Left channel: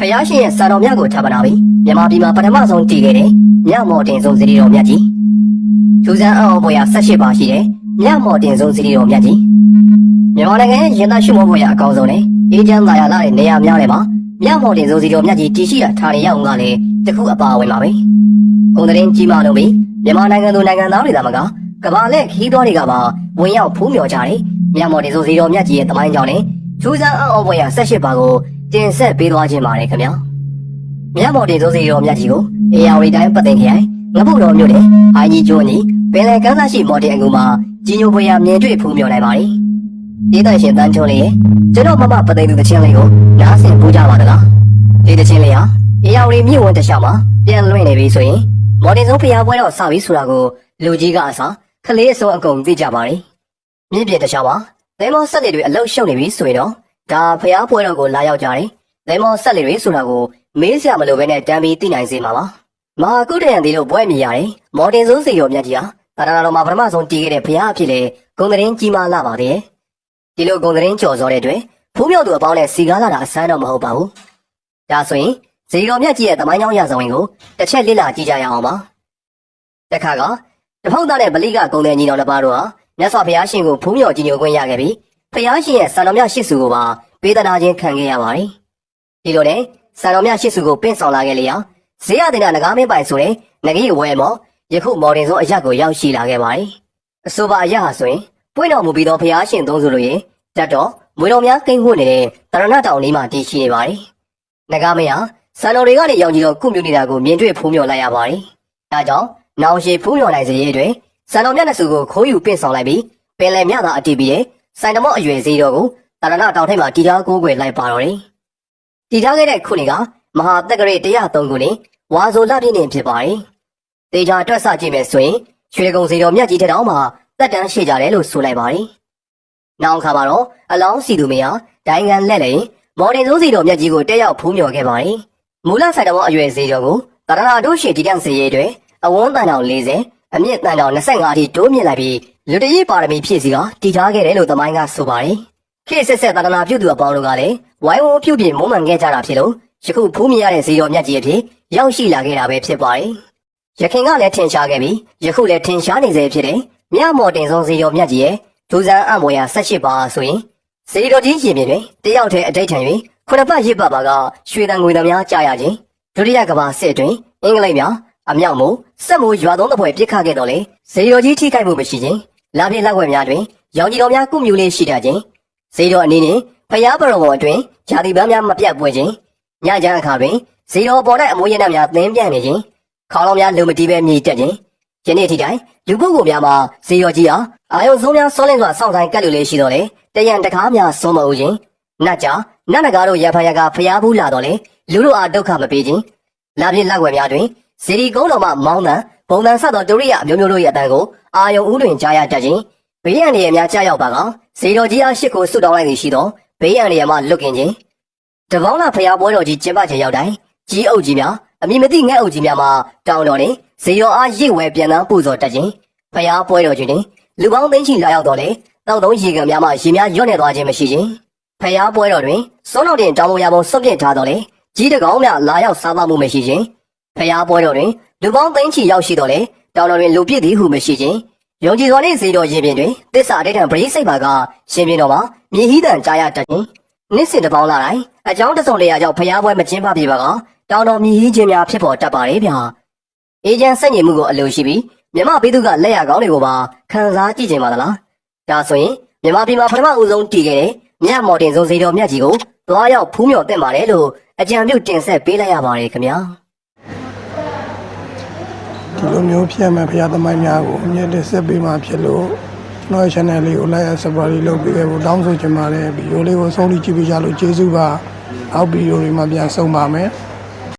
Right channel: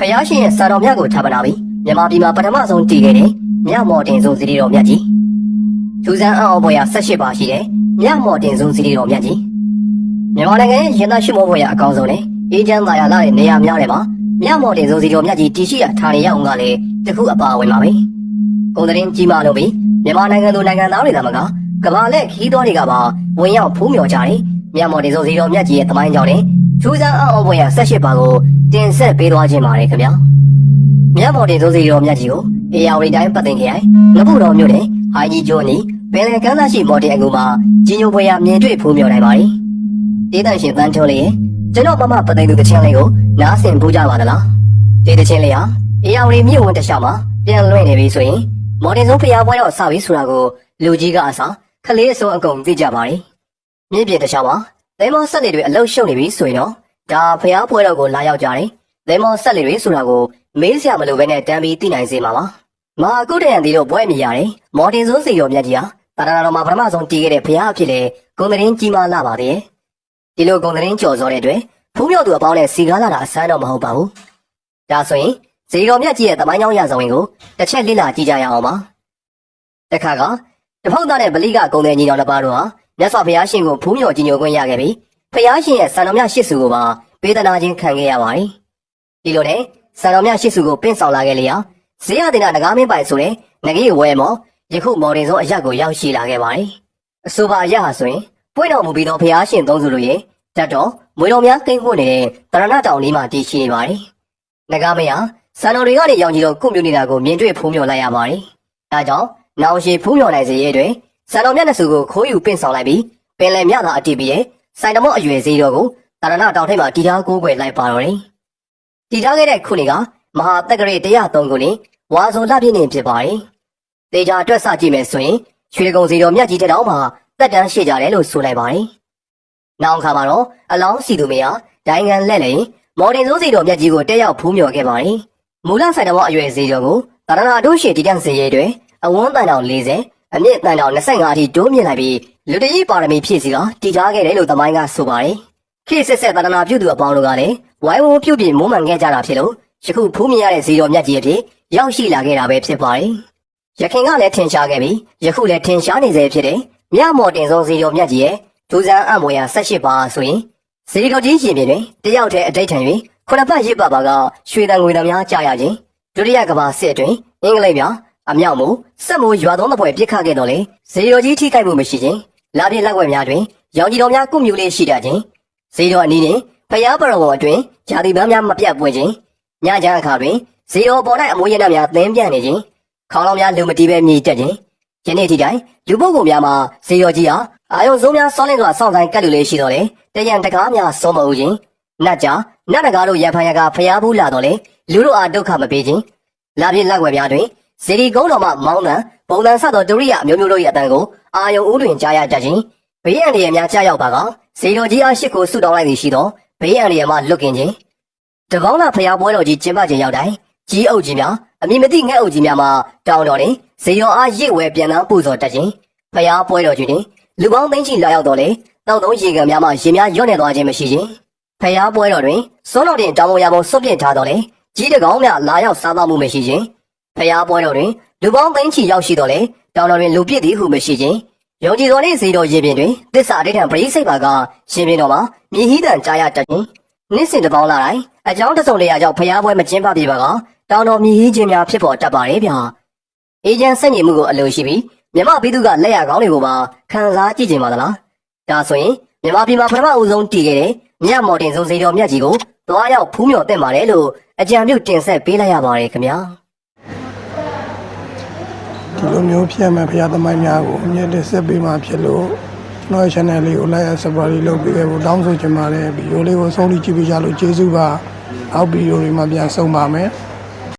ဖယားရှင်ရဲ့စာတော်မြတ်ကိုထားပနာပြီးမြန်မာပြည်မှာပထမဆုံးတည်ခဲ့တဲ့မြမော်တင်ဆုံးစီရီတော်မြတ်ကြီးထူးဆန်းအောင်ပွဲရ18ပါရှိတဲ့မြမော်တင်ဆုံးစီရီတော်မြတ်ကြီးမြန်မာနိုင်ငံရဲ့ရင်သားရှိမိုးပွဲရအကောင်းဆုံးနဲ့အေဂျင့်သာယာလာတဲ့နေရာများတွေမှာမြမော်တင်ဆုံးစီရီတော်မြတ်ကြီးတည်ရှိရာဌာနေရောက်ငါလည်းတခုအပါအဝင်ပါပဲကုန်တဲ့ကြီးမာလို့ပြီးမြန်မာနိုင်ငံသူနိုင်ငံသားတွေသာမကကမ္ဘာလက်ခီးသွားတွေကပါဝင်ရောက်ဖုံးမြော်ကြတယ်မြမော်တင်ဆုံးစီရီတော်မြတ်ကြီးရဲ့တမိုင်းကြောင့်နဲ့ထူးဆန်းအောင်ပွဲရ18ပါကိုတင်ဆက်ပေးသွားခြင်းပါတယ်ခင်ဗျာမြမော်တင်ဆုံးစီရီတော်မြတ်ကြီးကိုအေယာဝတီတိုင်းပတ်သိမ်ခရိုင်ငပုတော်မြို့နယ်အိုင်ကြီးကျွန်းနီပင်လယ်ကမ်းသားရှိမော်တင်အကူမှာကြီးညိုပွဲရမြင်တွေ့ဖူးမြော်နိုင်ပါတယ်ဒေသရှင်တန်းချိုးလေးရဲ့ကျွန်တော်မမပတ်သိမ်သူတချင်းလေးကိုနားဆင်ပို့ကြပါသလားဒီတချင်းလေးဟာအေယာဝတီမြို့ဝန်တခြားမှာပြန်လွှင့်နေပြီဆိုရင်မော်တင်ဆုံးဖျားပွဲတော့စပြီဆိုတာကိုလူကြီးကအစားခလေးအစုံအကုန်သိကြပါတယ်မြင့်ပြတခြားမှာသဲမောဆက်တွေအလုရှုပ်နေပြီဆိုရင်တော့ဒါဖျားပွဲတော်ကိုလာရောက်ကြတယ်သဲမောဆက်တွေဆိုတာကိုမေးစရာမလိုဘဲနဲ့တမ်းပြီးသိနိုင်စေမှာပါမာကုတရံဒီတို့ပွဲမြည်ရတယ်မော်တင်ဆုံးစီတော်မြတ်ကြီးဟာတာတော်မှာပထမဆုံးတည်ခဲ့တဲ့ဖျားအဖြစ်လေဂုံသတင်းကြီးမားလာပါတယ်ဒီလိုဂုံသတင်းကျော်စောတဲ့အတွက်ဖူးမြောက်သူအပေါင်းနဲ့စီကားလာတာအစမ်းတော့မဟုတ်ပါဘူးဒါဆိုရင်စီတော်မြတ်ကြီးရဲ့တမိုင်းကြောင်းရဆောင်ရင်ကိုတစ်ချက်လေ့လာကြည့်ကြရအောင်ပါတခါကတဖုတ်သားတဲ့ဗလိကဂုံတဲ့ညီတော်တစ်ပါးတို့ဟာမြတ်စွာဘုရားရှင်ကိုဖူးမြော်ကြီးညိုခွင့်ရခဲ့ပြီးဘုရားရှင်ရဲ့စံတော်မြတ်ရှစ်စုကိုပါပေးသနာခြင်းခံခဲ့ရပါတယ်ဒီလိုနဲ့စံတော်မြတ်ရှစ်စုကိုပင့်ဆောင်လာခဲ့လျာဇေယတင်နာနဂါမင်းပိုင်ဆိုတဲ့ငကြီးဝဲမော်ယခုမော်တင်ဆုံးအရက်ကိုရောက်ရှိလာခဲ့ပါတယ်အဆိုပါအရက်ဟာဆိုရင်ပွင့်တော်မူပြီးသောဘုရားရှင်သုံးစုတို့ရဲ့တတ်တော်မွေတော်များကိန်းဝှနေတဲ့တရဏတောင်လေးမှာတည်ရှိနေပါတယ်နဂါမင်းဟာစံတော်တွေကနေရောင်ကြီးတော်ကုမြူနေတာကိုမြင်တွေ့ဖူးမြော်လိုက်ရပါတယ်ဒါကြောင့်နောင်ရှိဖူးမြော်နိုင်စေရဲ့အတွက်စံတော်မြတ်နှစုကိုခိုးယူပင့်ဆောင်လိုက်ပြီးပင်လယ်မြသာအတီးပြီးတဲ့စိုင်တမော့အရွယ်စည်းတော်ကိုတရဏတောင်ထိပ်မှာတည်ထားကိုးကွယ်လိုက်ပါတော့တယ်တည်ထားခဲ့တဲ့ခုနှစ်ကမဟာတက္ကရာ103ခုနှစ်ဝါဆိုလပြည့်နေ့ဖြစ်ပါတယ်။တေချာတွက်ဆကြည့်မယ်ဆိုရင်ရွှေကုံစီတော်မြတ်ကြီးတဲ့တောင်မှာတက်တန်းရှိကြတယ်လို့ဆိုလိုက်ပါတယ်။နောက်ခါမှာတော့အလောင်းစီသူမယားဒိုင်ငံလက်လေမော်တင်ဆုံးစီတော်မြတ်ကြီးကိုတက်ရောက်ဖူးမြော်ခဲ့ပါတယ်။မူလဆိုင်တော်အရွယ်စီတော်ကိုတရဏတို့ရှိတည်တံ့စေရတဲ့အတွက်အဝန်းတန်တော်40အမြင့်တန်တော်25အထိတိုးမြင့်လိုက်ပြီးလူတကြီးပါရမီဖြည့်စီကတည်ထားခဲ့တယ်လို့သမိုင်းကဆိုပါတယ်။ခေတ်ဆက်ဆက်တရဏပြုသူအပေါင်းတို့ကလည်းဝိုင်းဝန်းပြုတ်ပြင်းမုန်းမှန်ခဲ့ကြတာဖြစ်လို့ယခုဖူးမြင်ရတဲ့ဇေတော်မြတ်ကြီးအဖြစ်ရောက်ရှိလာခဲ့တာပဲဖြစ်ပါတယ်။ယခင်ကလည်းထင်ရှားခဲ့ပြီးယခုလည်းထင်ရှားနေစေဖြစ်တဲ့မြမော်တင်ဆုံးဇေတော်မြတ်ကြီးရဲ့ဒူဇန်အမွေရ18ပါဆိုရင်ဇေတော်ကြီးရှင်ပြင်တွင်တယောက်တည်းအတိတ်ထံ၍ခုနှစ်ပတ်ရစ်ပတ်ပါကရွှေတန်ငွေတံများကြားရခြင်းဒုတိယကမ္ဘာစစ်အတွင်းအင်္ဂလိပ်များအမြောက်မို့စက်မိုးရွာသုံးသပွဲပြစ်ခတ်ခဲ့တော့လေဇေတော်ကြီးထိခိုက်မှုမရှိခြင်းလာပြည့်လက်ွက်များတွင်ရောင်ကြီးတော်များကုမြူလေးရှိတတ်ခြင်းဇေတော်အနေနဲ့ဖျားပရောအတွင်ဂျာတိပန်းများမပြတ်ပွဲခြင်းညချမ်းအခါတွင်ဇေတော်ပေါ်၌အမွေးရနများသင်းပြန့်နေခြင်းခေါင်းလုံးများလူမတီးပဲမြေတက်ခြင်းယနေ့ထိတိုင်လူပုဂ္ဂိုလ်များမှာဇေတော်ကြီးဟာအာယုံစုံများစောလင်းစွာစောင့်ဆိုင်ကပ်လူလေးရှိတော်လေတရံတကားများဆုံးမဦးခြင်းနတ်ကြာနတ်နဂါတို့ရဖန်ရကဖျားဘူးလာတော်လေလူတို့အားဒုက္ခမပေးခြင်းလာပြည့်လက်ွယ်များတွင်ဇေဒီကုန်းတော်မှမောင်းတန်ပုံတန်ဆက်သောဒုရိယအမျိုးမျိုးတို့ရဲ့အတန်ကိုအာယုံဦးတွင်ကြားရတတ်ခြင်းဘေးရန်တွေများကြားရောက်ပါကဇေတော်ကြီးအားရှိကိုဆုတောင်းလိုက်သည်ရှိသောဘေးရန်တွေမှလွတ်ကင်းခြင်းတပေါင်းလာဖျားပွဲတော်ကြီးကျင်းပခြင်းရောက်တိုင်းကြီးအုပ်ကြီးများအမည်မသိငှက်အုပ်ကြီးများမှတောင်းတော်နေဇေယောအားရိတ်ဝဲပြန်တန်းပို့စော်တက်ခြင်းဖျားပွဲတော်ကြီးတွင်လူပေါင်းသိန်းချီလာရောက်တော်လေတောက်သုံးရေကန်များမှရေများရွတ်နေသွားခြင်းမရှိခြင်းဖျားပွဲတော်တွင်စောတော်တင်တောင်းဝရပုံဆွတ်ပြစ်ထားတော်လေကြီးတကောင်းများလာရောက်စားသောက်မှုမရှိခြင်းဖျားပွဲတော်တွင်လူပေါင်းသိန်းချီရောက်ရှိတော်လေတောင်းတော်တွင်လူပြည့်သည်ဟုမရှိခြင်းယုံကြည်တော်နှင့်ဇေတော်ရေပြင်တွင်သစ္စာအဋ္ဌံပရိစိတ်ပါကရှင်ပြင်တော်မှာမြေဟိတံကြားရတတ်ခြင်းနေ့စဉ်တစ်ပေါင်းလာတိုင်းအကြောင်းတစုံတရာကြောင့်ဖျားပွဲမကျင်းပပြပါကတောင်းတော်မြေဟိခြင်းများဖြစ်ပေါ်တတ်ပါတယ်ဗျာအေဂျင့်စက်ညင်မှုကိုအလိုရှိပြီးမြမပြည်သူကလက်ရကောင်းတွေကိုပါခံစားကြည့်ကြပါလားဒါဆိုရင်မြမပြည်မှာပထမဦးဆုံးတည်ခဲ့တဲ့မြတ်မော်တင်ဆုံးဇေတော်မြတ်ကြီးကိုတွားရောက်ဖူးမြော်တက်ပါတယ်လို့အကြံပြုတင်ဆက်ပေးလိုက်ရပါတယ်ခင်ဗျာဒီလိုမျိုးဖြစ်မဲ့ဖရာသမိုင်းများကိုအမြဲတမ်းဆက်ပေးမှဖြစ်လို့ကျွန်တော် channel လေးကို like and subscribe လုပ်ပေးခဲ့ဖို့တောင်းဆိုချင်ပါတယ်ဗီဒီယိုလေးကိုဆုံးဖြတ်ကြည့်ပေးကြလို့ကျေးဇူးပါနောက်ဗီဒီယိုတွေမှာပြန်ဆုံပါမယ်